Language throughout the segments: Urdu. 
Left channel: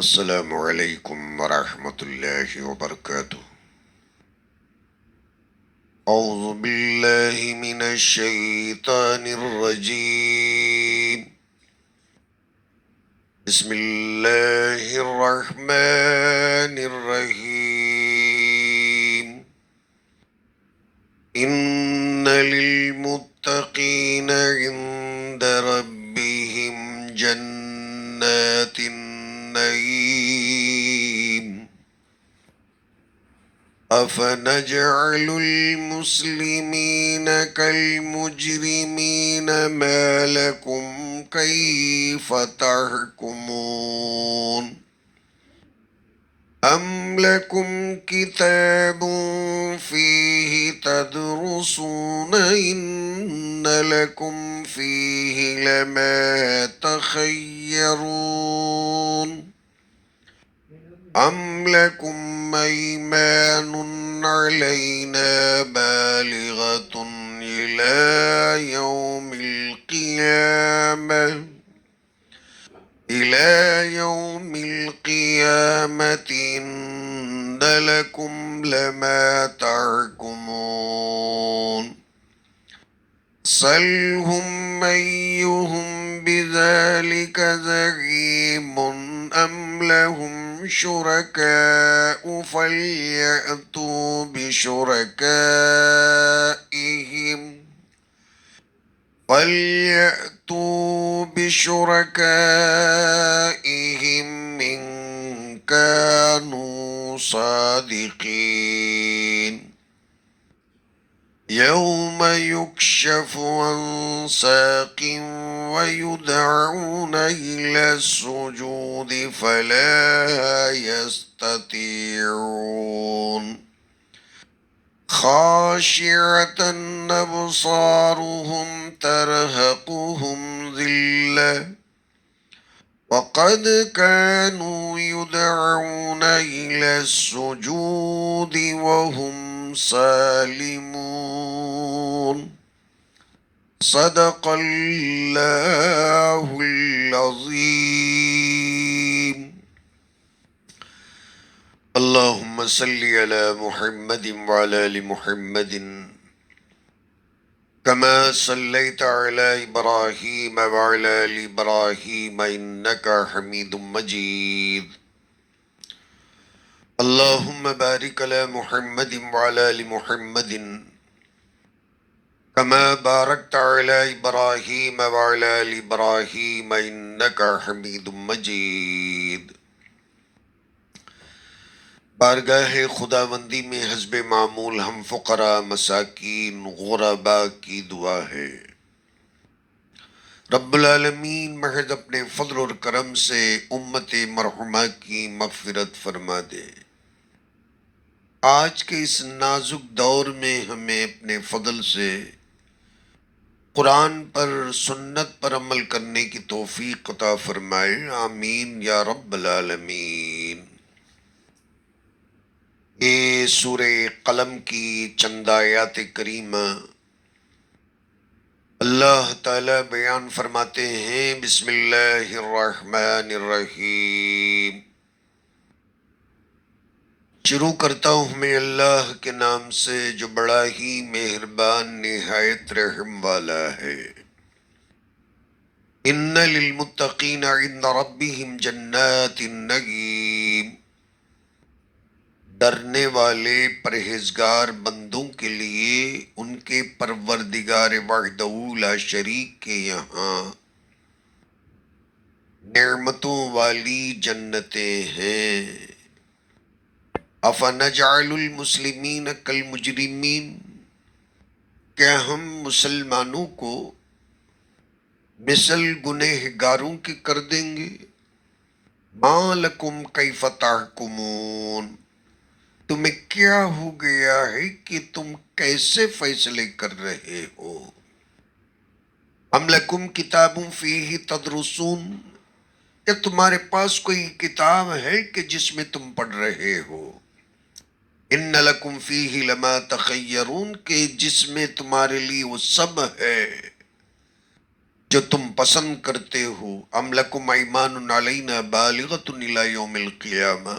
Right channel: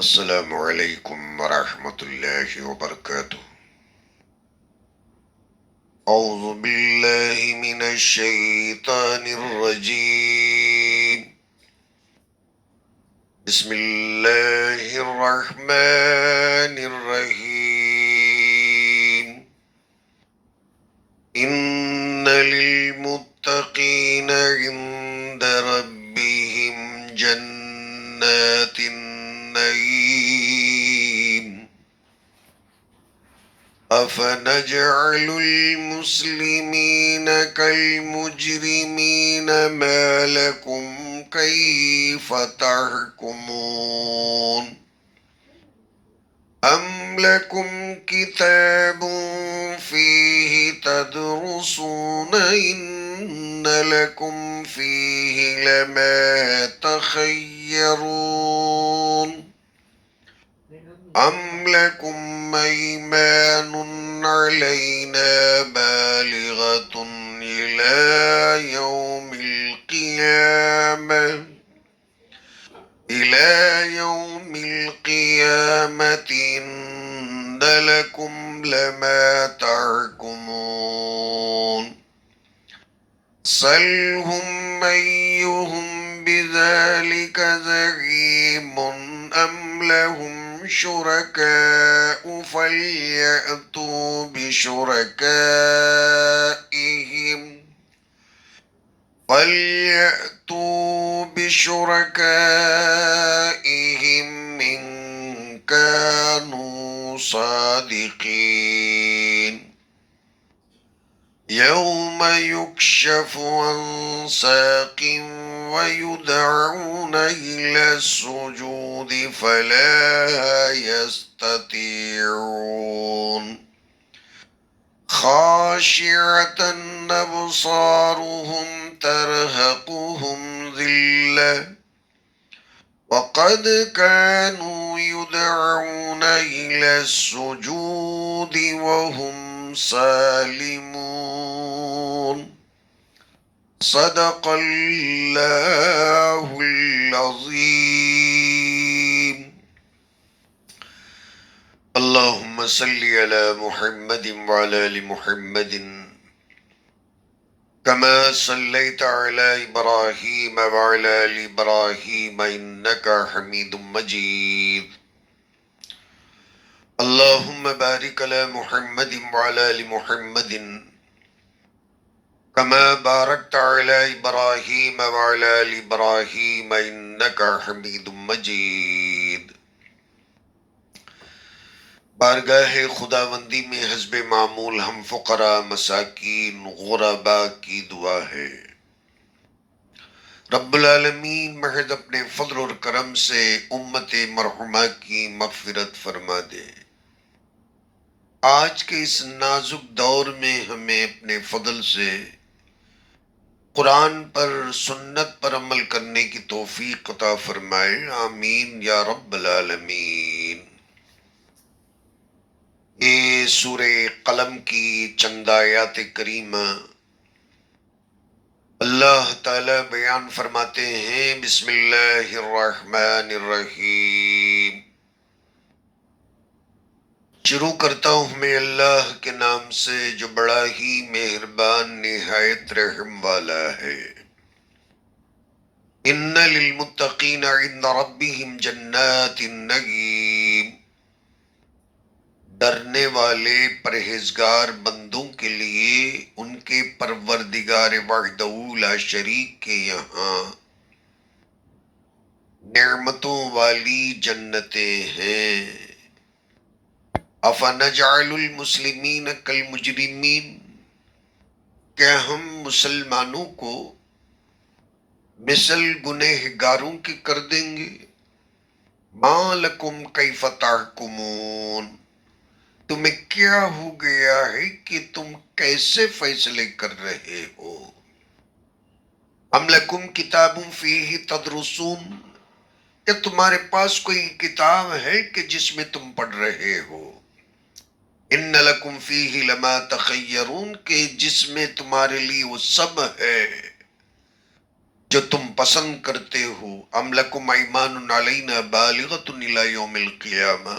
السلام علیکم ورحمۃ اللہ وبرکاتہ۔ اعوذ باللہ من الشیطان الرجیم، بسم اللہ الرحمن الرحیم۔ ان للمتقین عند ربهم جنات النعیم، أفنجعل المسلمين كالمجرمين ما لكم كيف تحكمون؟ أم لكم كتاب فيه تدرسون إن لكم فيه لما تخيرون؟ أم لكم أيمان علينا بالغة إلى يوم القيامة إن لكم لما تحكمون؟ سلهم أيهم بذلك زعيم أم لهم شركاء فليأتوا بشركائهم إن كانوا صادقين. يوم يكشف عن ساق ويدعون إلى السجود فلا يستطيعون. خاشعة أبصارهم ترهقهم ذلة وقد كانوا يدعون إلى السجود وهم سالمون. صدق الله العظيم. اللهم صل على محمد وعلى آل محمد كما صليت على إبراهيم وعلى آل إبراهيم إنك حميد مجيد. اللهم بارك على محمد وعلى آل محمد كما باركت على إبراهيم وعلى آل إبراهيم إنك حميد مجيد. بارگاہ خداوندی میں حسب معمول ہم فقراء، مساکین، غرباء کی دعا ہے، رب العالمین محض اپنے فضل اور کرم سے امت مرحومہ کی مغفرت فرما دے۔ آج کے اس نازک دور میں ہمیں اپنے فضل سے قرآن پر، سنت پر عمل کرنے کی توفیق عطا فرمائے، آمین یا رب العالمین۔ یہ سورہ قلم کی چند آیات کریمہ اللہ تعالیٰ بیان فرماتے ہیں، بسم اللہ الرحمن الرحیم۔ شروع کرتا ہوں میں اللہ کے نام سے جو بڑا ہی مہربان نہایت رحم والا ہے۔ ان للمتقین عند ربهم جنات النعیم، ڈرنے والے پرہیزگار بندوں کے لیے ان کے پروردگار وحدہ لا شریک کے یہاں نعمتوں والی جنتیں ہیں۔ افنجعل المسلمین کالمجرمین، کیا ہم مسلمانوں کو مثل گنہگاروں کی کر دیں گے؟ ما لکم کیف تحکمون، تمہیں کیا ہو گیا ہے کہ تم کیسے فیصلے کر رہے ہو؟ ام لکم کتاب فیہ تدرسون، کیا تمہارے پاس کوئی کتاب ہے کہ جس میں تم پڑھ رہے ہو؟ ان لکم فیہ لما تخیرون، کہ جس میں تمہارے لیے وہ سب ہے جو تم پسند کرتے ہو. ام لکم ایمان علینا بالغۃ الی یوم القیامہ،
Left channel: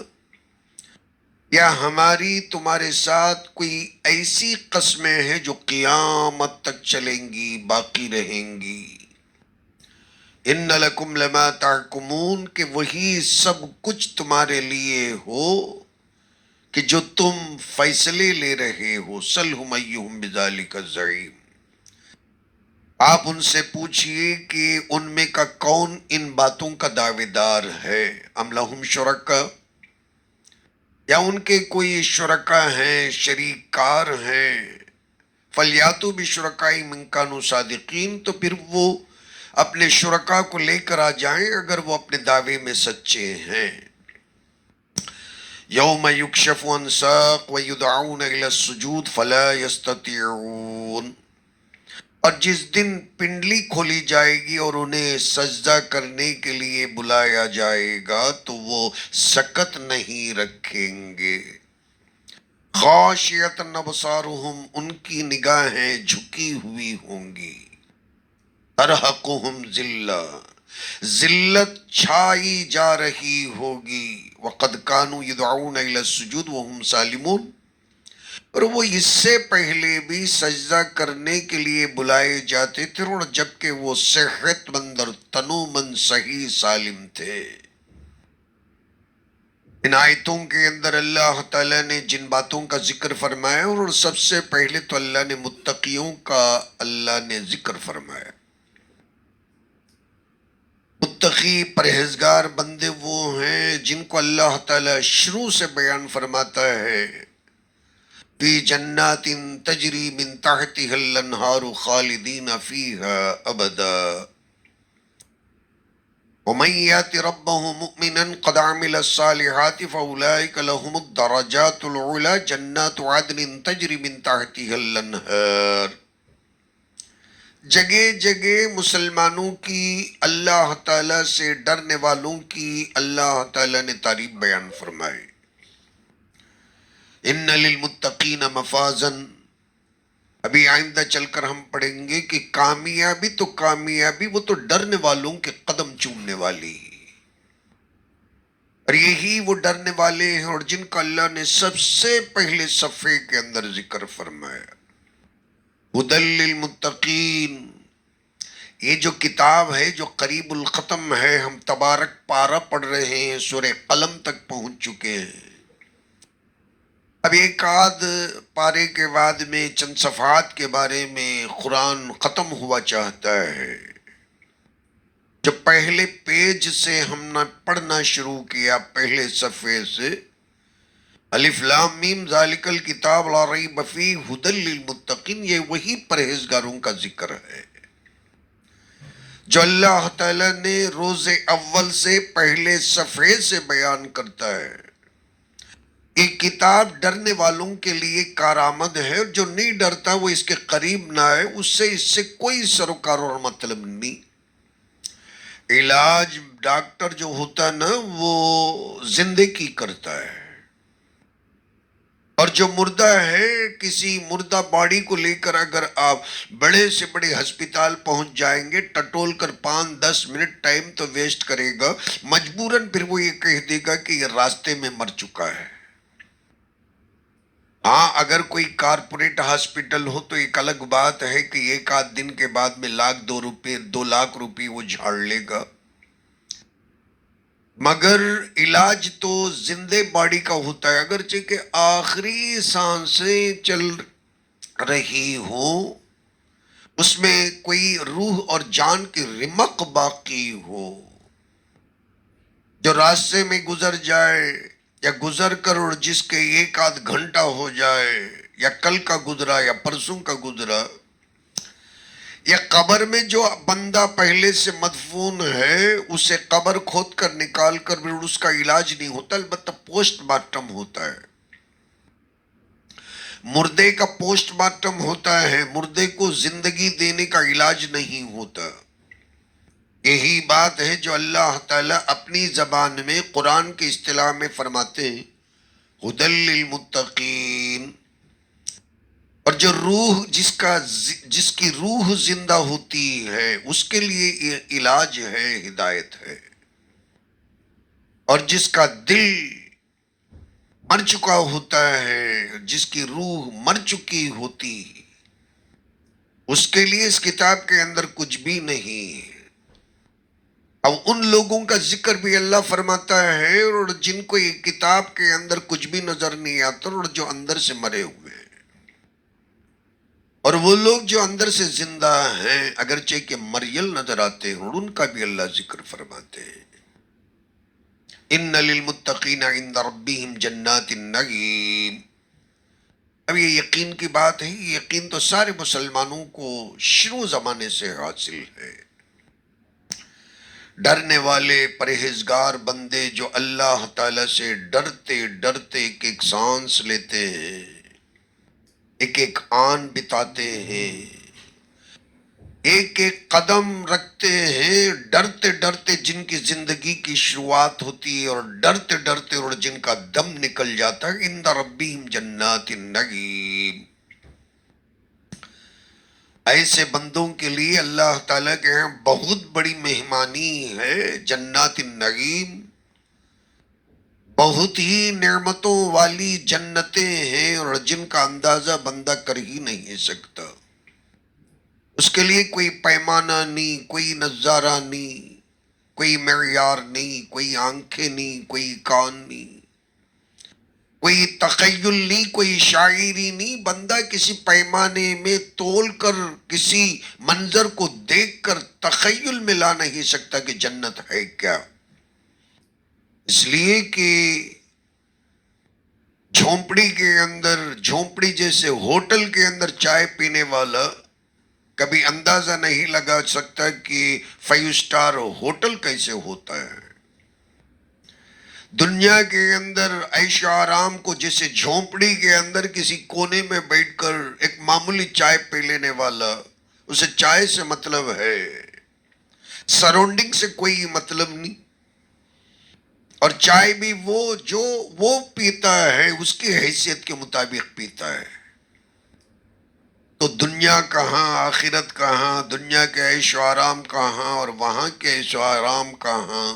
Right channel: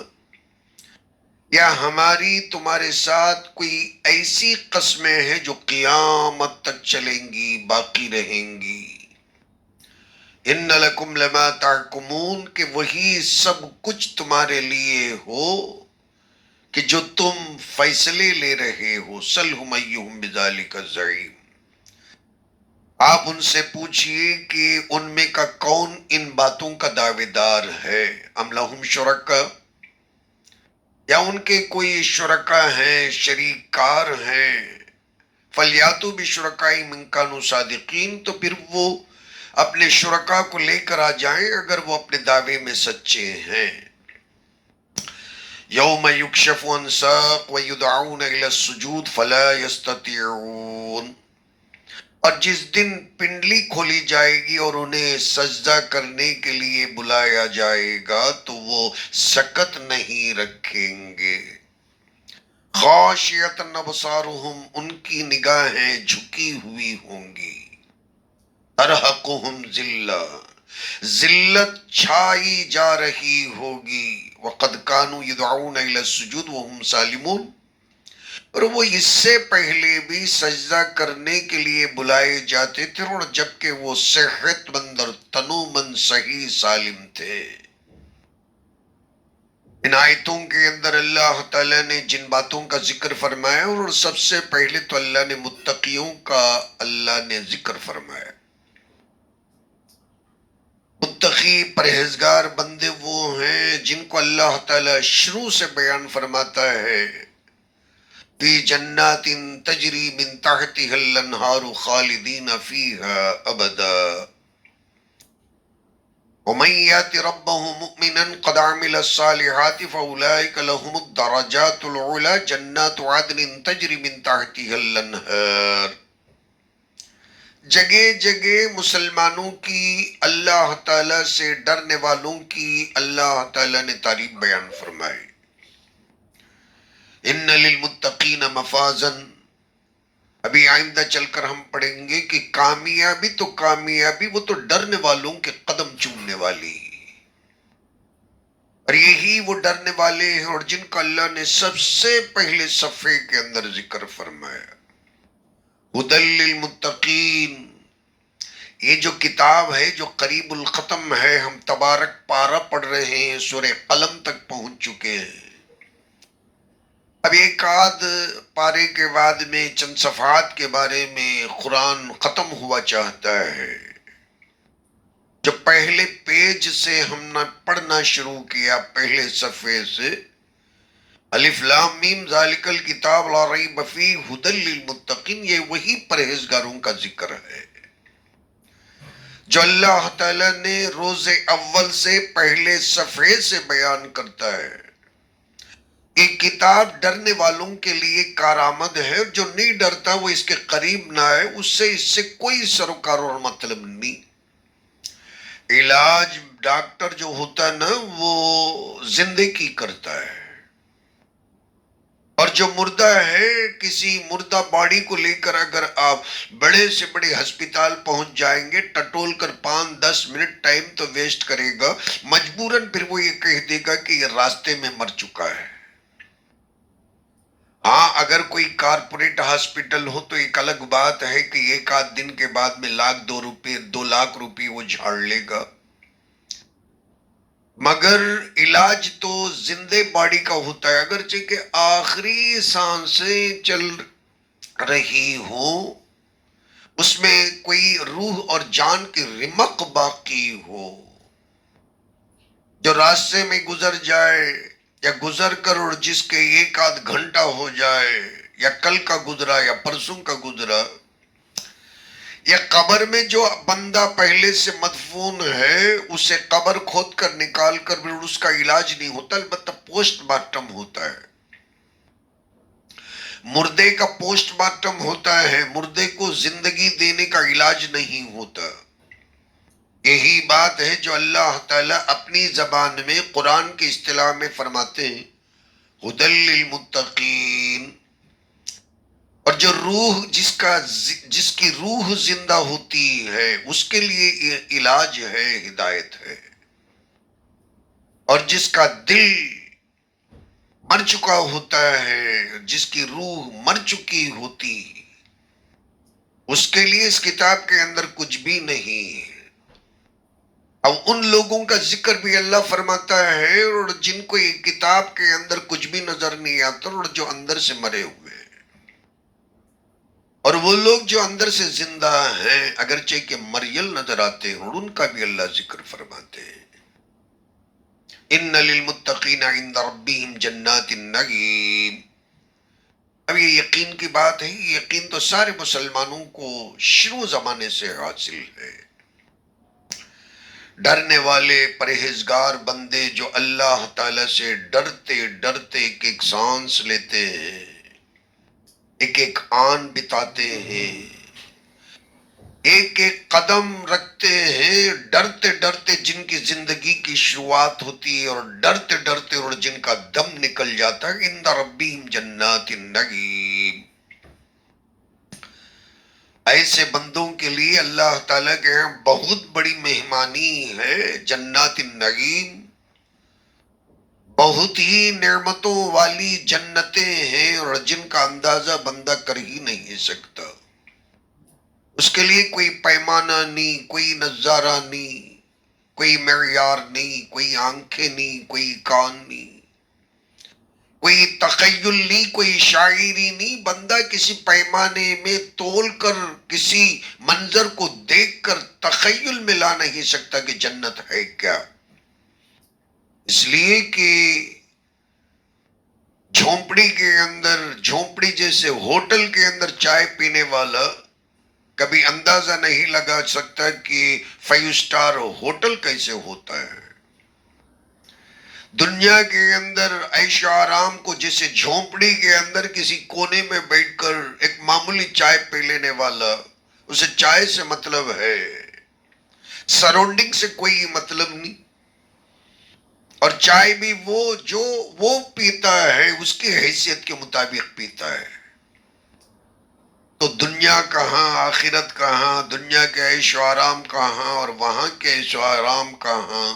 یا ہماری تمہارے ساتھ کوئی ایسی قسمیں ہیں جو قیامت تک چلیں گی، باقی رہیں گی. ان لکم لما تحکمون، کہ وہی سب کچھ تمہارے لیے ہو کہ جو تم فیصلے لے رہے ہو. سلہم ایہم بذالک زعیم، آپ ان سے پوچھئے کہ ان میں کا کون ان باتوں کا دعوے دار ہے. ام لہم شرکا، یا ان کے کوئی شرکا ہیں، شریک کار ہیں. فلیاتوا بشرکائہم ان کانوا صادقین، تو پھر وہ اپنے شرکا کو لے کر آ جائیں اگر وہ اپنے دعوے میں سچے ہیں. یوم یکشف عن ساق ویدعون الی السجود فلا یستطیعون، اور جس دن پنڈلی کھولی جائے گی اور انہیں سجدہ کرنے کے لیے بلایا جائے گا تو وہ سکت نہیں رکھیں گے. خاشعۃ ابصارہم، ان کی نگاہیں جھکی ہوئی ہوں گی. ترہقہم ذلہ، ذلت چھائی جا رہی ہوگی. وقد کانوا یدعون الی السجود وہم سالمون، اور وہ اس سے پہلے بھی سجدہ کرنے کے لیے بلائے جاتے تھے اور جبکہ وہ صحت مند اور تنومند صحیح سالم تھے. ان آیتوں کے اندر اللہ تعالیٰ نے جن باتوں کا ذکر فرمایا، اور سب سے پہلے تو اللہ نے متقیوں کا اللہ نے ذکر فرمایا. متقی پرہیزگار بندے وہ ہیں جن کو اللہ تعالیٰ شروع سے بیان فرماتا ہے فی جنات تجری من تحتها الانہار خالدین فیہا ابدا ومن یات ربہ مؤمنا قد عمل الصالحات فاولئک لهم الدرجات العلی جنات عدن تجری من تحتها الانہار. جگہ جگہ مسلمانوں کی، اللہ تعالیٰ سے ڈرنے والوں کی اللہ تعالیٰ نے تعریف بیان فرمائی. ان للمتقین مفازا، ابھی آئندہ چل کر ہم پڑھیں گے کہ کامیابی تو کامیابی وہ تو ڈرنے والوں کے قدم چومنے والی، اور یہی وہ ڈرنے والے ہیں اور جن کا اللہ نے سب سے پہلے صفحے کے اندر ذکر فرمایا. ھدی للمتقین، یہ جو کتاب ہے جو قریب الختم ہے، ہم تبارک پارہ پڑھ رہے ہیں، سورہ قلم تک پہنچ چکے ہیں. اب ایک آدھ پارے کے بعد میں چند صفحات کے بارے میں قرآن ختم ہوا چاہتا ہے. جو پہلے پیج سے ہم نے پڑھنا شروع کیا، پہلے صفحے سے، الف لام میم ذالک الکتاب لا ریب فیہ ھدی للمتقین، یہ وہی پرہیزگاروں کا ذکر ہے جو اللہ تعالیٰ نے روز اول سے پہلے صفحے سے بیان کرتا ہے. ایک کتاب ڈرنے والوں کے لیے کارآمد ہے، جو نہیں ڈرتا وہ اس کے قریب نہ آئے، اس سے کوئی سروکار اور مطلب نہیں. علاج ڈاکٹر جو ہوتا ہے نا وہ زندگی کرتا ہے، اور جو مردہ ہے، کسی مردہ باڈی کو لے کر اگر آپ بڑے سے بڑے ہسپتال پہنچ جائیں گے، ٹٹول کر 5-10 منٹ ٹائم تو ویسٹ کرے گا، مجبوراً پھر وہ یہ کہہ دے گا کہ یہ راستے میں مر چکا ہے. ہاں اگر کوئی کارپوریٹ ہاسپٹل ہو تو ایک الگ بات ہے کہ ایک آدھ دن کے بعد میں 2 لاکھ روپے وہ جھاڑ لے گا، مگر علاج تو زندہ باڈی کا ہوتا ہے. اگرچہ کہ آخری سانسیں چل رہی ہوں، اس میں کوئی روح اور جان کی رمق باقی ہو، جو راستے میں گزر جائے یا گزر کر اور جس کے ایک آدھ گھنٹہ ہو جائے، یا کل کا گزرا یا پرسوں کا گزرا، یا قبر میں جو بندہ پہلے سے مدفون ہے اسے قبر کھود کر نکال کر بھی اس کا علاج نہیں ہوتا، البتہ پوسٹ مارٹم ہوتا ہے. مردے کا پوسٹ مارٹم ہوتا ہے، مردے کو زندگی دینے کا علاج نہیں ہوتا. یہی بات ہے جو اللہ تعالیٰ اپنی زبان میں قرآن کی اصطلاح میں فرماتے ہیں ھدی للمتقین. اور جو روح جس کی روح زندہ ہوتی ہے اس کے لیے علاج ہے، ہدایت ہے، اور جس کا دل مر چکا ہوتا ہے، جس کی روح مر چکی ہوتی، اس کے لیے اس کتاب کے اندر کچھ بھی نہیں ہے۔ اب ان لوگوں کا ذکر بھی اللہ فرماتا ہے اور جن کو یہ کتاب کے اندر کچھ بھی نظر نہیں آتا اور جو اندر سے مرے ہوئے ہیں، اور وہ لوگ جو اندر سے زندہ ہیں اگرچہ کہ مریل نظر آتے ہیں، اور ان کا بھی اللہ ذکر فرماتے ہیں۔ ان للمتقین عند ربهم جنات النعیم۔ اب یہ یقین کی بات ہے، یہ یقین تو سارے مسلمانوں کو شروع زمانے سے حاصل ہے۔ ڈرنے والے پرہیزگار بندے جو اللہ تعالی سے ڈرتے ڈرتے ایک ایک سانس لیتے ہیں، ایک ایک آن بتاتے ہیں، ایک ایک قدم رکھتے ہیں، ڈرتے ڈرتے جن کی زندگی کی شروعات ہوتی ہے اور ڈرتے ڈرتے اور جن کا دم نکل جاتا ہے، عند ربہم جنات النعیم۔ ایسے بندوں کے لیے اللہ تعالیٰ کے یہاں بہت بڑی مہمانی ہے، جنات النعیم، بہت ہی نعمتوں والی جنتیں ہیں اور جن کا اندازہ بندہ کر ہی نہیں سکتا۔ اس کے لیے کوئی پیمانہ نہیں، کوئی نظارہ نہیں، کوئی معیار نہیں، کوئی آنکھیں نہیں، کوئی کان نہیں، کوئی تخیل نہیں، کوئی شاعری نہیں۔ بندہ کسی پیمانے میں تول کر، کسی منظر کو دیکھ کر تخیل میں لا نہیں سکتا کہ جنت ہے کیا، اس لیے کہ جھونپڑی کے اندر، جھونپڑی جیسے ہوٹل کے اندر چائے پینے والا کبھی اندازہ نہیں لگا سکتا کہ 5 اسٹار ہوٹل کیسے ہوتا ہے۔ دنیا کے اندر عیش و آرام کو جیسے جھونپڑی کے اندر کسی کونے میں بیٹھ کر ایک معمولی چائے پی لینے والا، اسے چائے سے مطلب ہے، سراؤنڈنگ سے کوئی مطلب نہیں، اور چائے بھی وہ پیتا ہے اس کی حیثیت کے مطابق پیتا ہے۔ تو دنیا کہاں، آخرت کہاں، دنیا کے عیش و آرام کہاں اور وہاں کے عیش و آرام کہاں،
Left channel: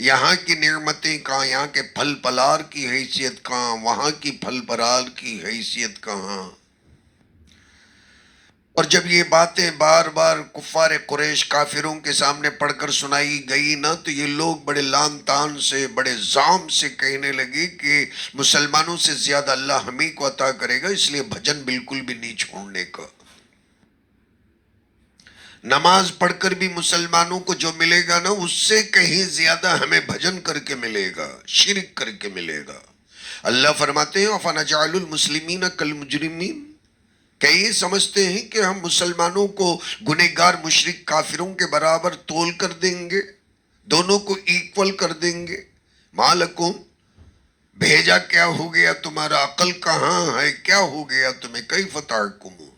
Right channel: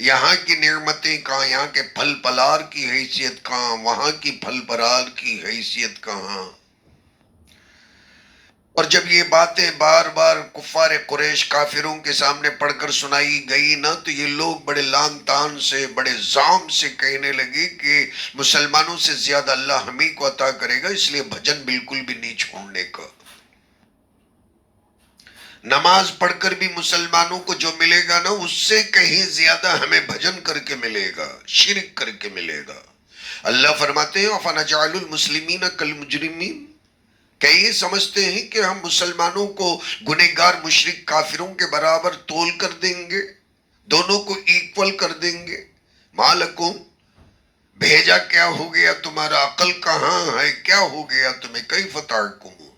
یہاں کی نعمتیں کہاں، یہاں کے پھل پلار کی حیثیت کہاں، وہاں کی پھل پلار کی حیثیت کہاں۔ اور جب یہ باتیں بار بار کفار قریش کافروں کے سامنے پڑھ کر سنائی گئی نا، تو یہ لوگ بڑے لان تان سے، بڑے زام سے کہنے لگے کہ مسلمانوں سے زیادہ اللہ ہمیں کو عطا کرے گا، اس لیے بھجن بالکل بھی نہیں چھوڑنے کا۔ نماز پڑھ کر بھی مسلمانوں کو جو ملے گا نا، اس سے کہیں زیادہ ہمیں بھجن کر کے ملے گا، شرک کر کے ملے گا۔ اللہ فرماتے ہیں أَفَنَجْعَلُ الْمُسْلِمِينَ كَالْمُجْرِمِينَ، کہ یہ سمجھتے ہیں کہ ہم مسلمانوں کو گنہگار مشرک کافروں کے برابر تول کر دیں گے، دونوں کو ایکول کر دیں گے۔ مالکم، بھیجا کیا ہو گیا تمہارا، عقل کہاں ہے، کیا ہو گیا تمہیں، کیف تحکمون،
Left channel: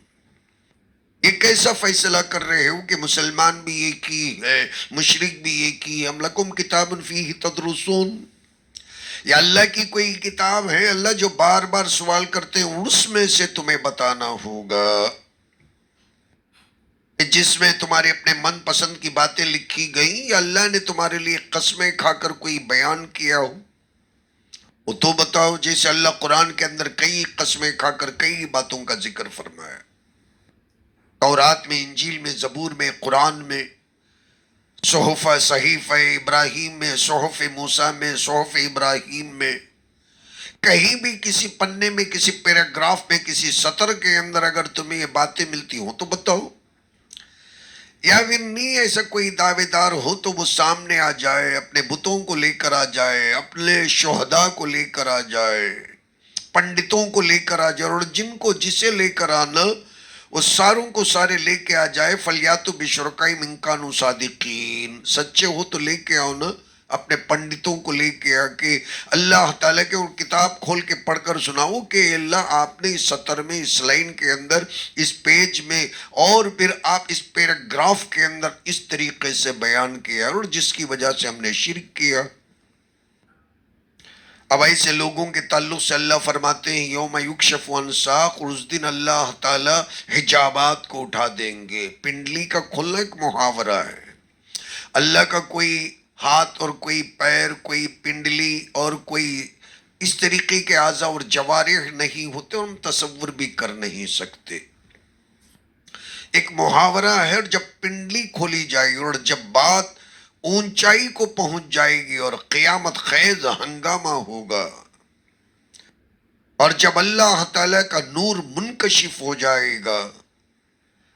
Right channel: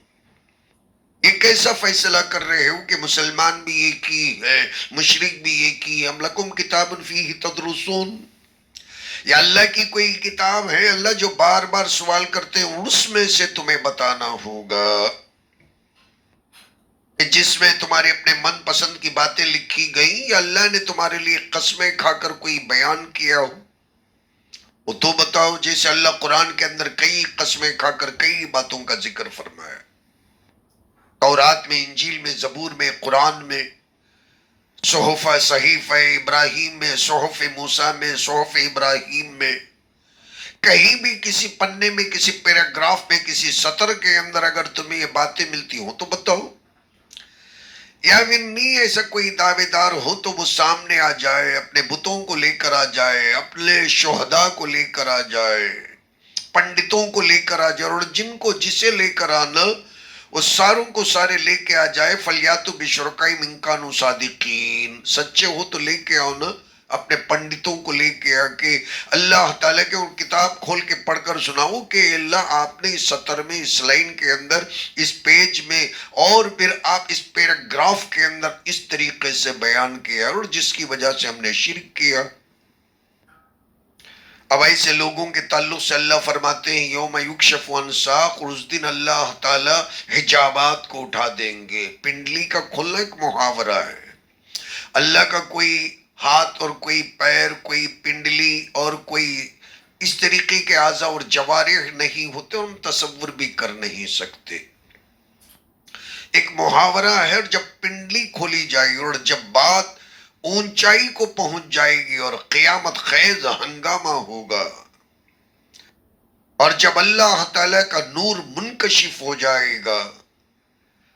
یہ کیسا فیصلہ کر رہے ہو کہ مسلمان بھی ایک ہی ہے، مشرک بھی ایک ہی ہے۔ ام لکم کتاب فیہ تدرسون، یا اللہ کی کوئی کتاب ہے، اللہ جو بار بار سوال کرتے ہیں اس میں سے تمہیں بتانا ہوگا کہ جس میں تمہارے اپنے من پسند کی باتیں لکھی گئیں، یا اللہ نے تمہارے لیے قسمیں کھا کر کوئی بیان کیا ہو، وہ تو بتاؤ۔ جیسے اللہ قرآن کے اندر کئی قسمیں کھا کر کئی باتوں کا ذکر فرمایا، تورات میں، انجیل میں، زبور میں، قرآن میں، صحف صحیفہ ابراہیم میں، صحف موسیٰ میں، صحف ابراہیم میں، کہیں بھی کسی پنے میں، کسی پیراگراف میں، کسی سطر کے اندر اگر تمہیں یہ باتیں ملتی ہوں تو بتاؤ۔ یا پھر نہیں ایسا کوئی دعوے دار ہو تو وہ سامنے آ جائے، اپنے بتوں کو لے کر آ جائے، اپنے شہداء کو لے کر آ جائے، پنڈتوں کو لے کر آ جائے، اور جن کو جسے لے کر آنا وہ ساروں کو سارے لے کے آ جائے۔ فَلْيَأْتُوا بِشُرَكَائِهِمْ إِن كَانُوا صَادِقِينَ، سچے ہو تو لے کے آؤ نا، اپنے پنڈتوں کو لے کے آ کے اللہ تعالیٰ کے وہ کتاب کھول کے پڑھ کر سناؤ کہ اللہ آپ نے اس سطر میں، اس لائن کے اندر، اس پیج میں، اور پھر آپ اس پیراگراف کے اندر اس طریقے سے بیان کیا اور جس کی وجہ سے ہم نے شرک کیا۔ اب ایسے لوگوں کے تعلق سے اللہ فرماتے ہیں یوم یکشف عن ساق، اور اس دن اللہ تعالی حجابات کو اٹھا دیں گے۔ پنڈلی کا کھلنا ایک محاورہ ہے۔ اللہ کا کوئی ہاتھ اور کوئی پیر، کوئی پنڈلی اور کوئی اس طریقے کے اعضاء اور جوارح نہیں ہوتے، ہم تصور بھی کر نہیں سکتے۔ ایک محاورہ ہے، اور جب پنڈلی کھولی جائے گی اور جب بات اونچائی کو پہنچ جائے گی اور قیامت خیز ہنگامہ ہوگا، اور جب اللہ تعالیٰ کا نور منکشف ہو جائے گا،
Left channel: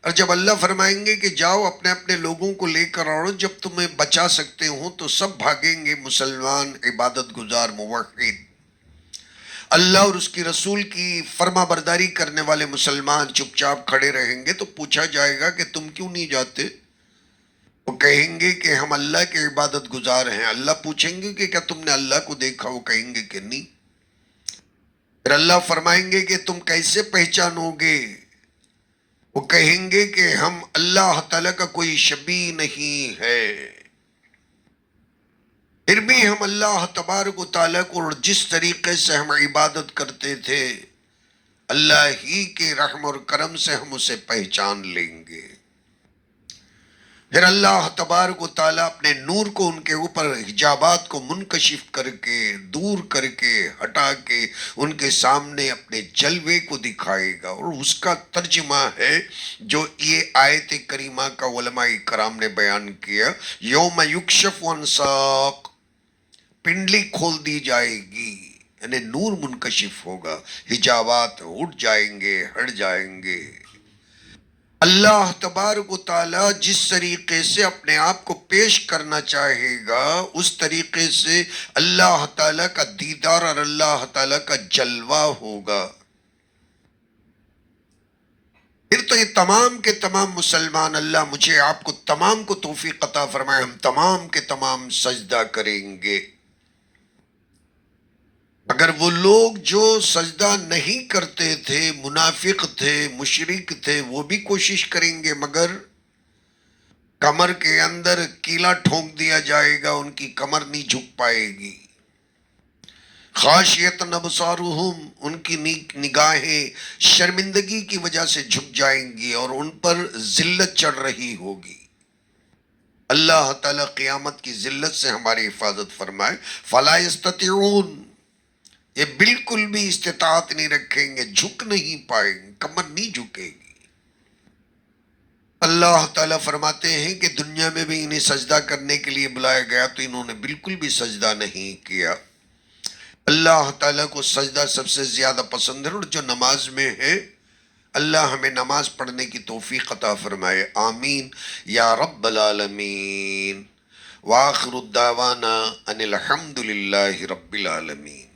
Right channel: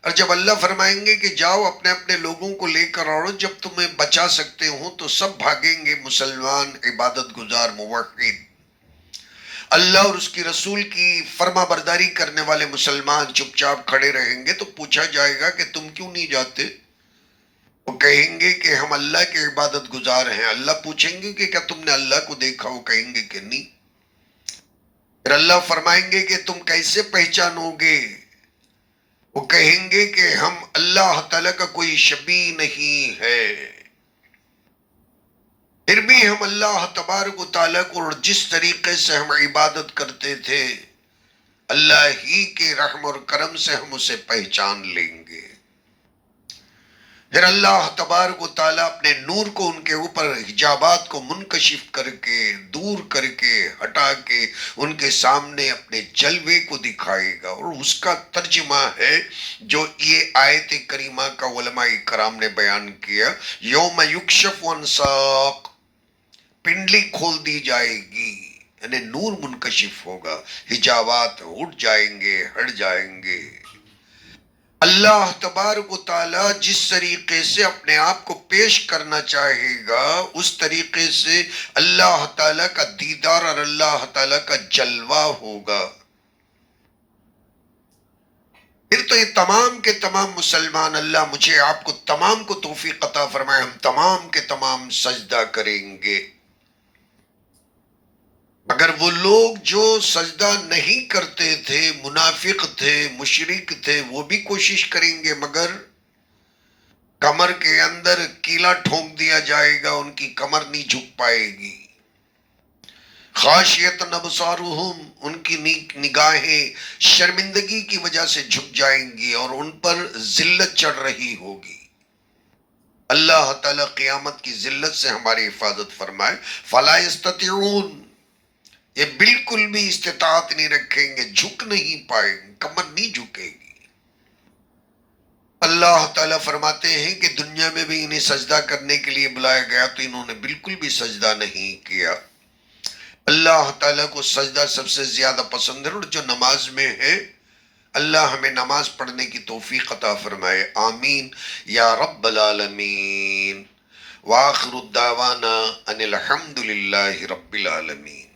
اور جب اللہ فرمائیں گے کہ جاؤ اپنے اپنے لوگوں کو لے کر آؤ، جب تمہیں بچا سکتے ہو تو سب بھاگیں گے، مسلمان، عبادت گزار، موحد، اللہ اور اس کی رسول کی فرما برداری کرنے والے مسلمان چپ چاپ کھڑے رہیں گے۔ تو پوچھا جائے گا کہ تم کیوں نہیں جاتے؟ وہ کہیں گے کہ ہم اللہ کے عبادت گزار ہیں۔ اللہ پوچھیں گے کہ کیا تم نے اللہ کو دیکھا؟ وہ کہیں گے کہ نہیں۔ پھر اللہ فرمائیں گے کہ تم کیسے پہچانو گے؟ وہ کہیں گے کہ ہم اللہ تعالیٰ کا کوئی شبیہ نہیں ہے، پھر بھی ہم اللہ تبارک و تعالیٰ کو اور جس طریقے سے ہم عبادت کرتے تھے، اللہ ہی کے رحم اور کرم سے ہم اسے پہچان لیں گے۔ پھر اللہ تبارک و تعالیٰ اپنے نور کو ان کے اوپر حجابات کو منکشف کر کے، دور کر کے، ہٹا کے ان کے سامنے اپنے جلوے کو دکھائے گا، اور اس کا ترجمہ ہے جو یہ آیت کریمہ کا علماء کرام نے بیان کیا، یوم یکشف عن ساق، پنڈلی کھول دی جائے گی، یعنی نور منکشف ہوگا، حجابات اٹھ جائیں گے، ہٹ جائیں گے۔ اللہ تبارک و تعالیٰ جس طریقے سے اپنے آپ کو پیش کرنا چاہے گا، اس طریقے سے اللہ تعالیٰ کا دیدار اور اللہ تعالیٰ کا جلوہ ہوگا۔ پھر تو یہ تمام کے تمام مسلمان، اللہ مجھے آپ کو تمام کو توفیق عطا فرمائے، ہم تمام کے تمام سجدہ کریں گے۔ مگر وہ لوگ جو سجدہ نہیں کرتے تھے، منافق تھے، مشرک تھے، وہ بھی کوشش کریں گے، مگر کمر کے اندر کیلا ٹھونک دیا جائے گا، ان کی کمر نہیں جھک پائے گی۔ خاشیت ابصارہم، ان کی نگاہیں شرمندگی کی وجہ سے جھک جائیں گی اور ان پر ذلت چڑھ رہی ہوگی۔ اللہ تعالیٰ قیامت کی ذلت سے ہماری حفاظت فرمائے۔ فلا یستطیعون، یہ بالکل بھی استطاعت نہیں رکھیں گے، جھک نہیں پائیں گے، کمر نہیں جھکے گی۔ اللہ تعالیٰ فرماتے ہیں کہ دنیا میں بھی انہیں سجدہ کرنے کے لیے بلایا گیا تو انہوں نے بالکل بھی سجدہ نہیں کیا۔ اللہ تعالیٰ کو سجدہ سب سے زیادہ پسند ہے، اور جو نماز میں ہے، اللہ ہمیں نماز پڑھنے کی توفیق عطا فرمائے، آمین یا رب العالمین۔ وآخر الدعوانا ان الحمد للہ رب العالمین۔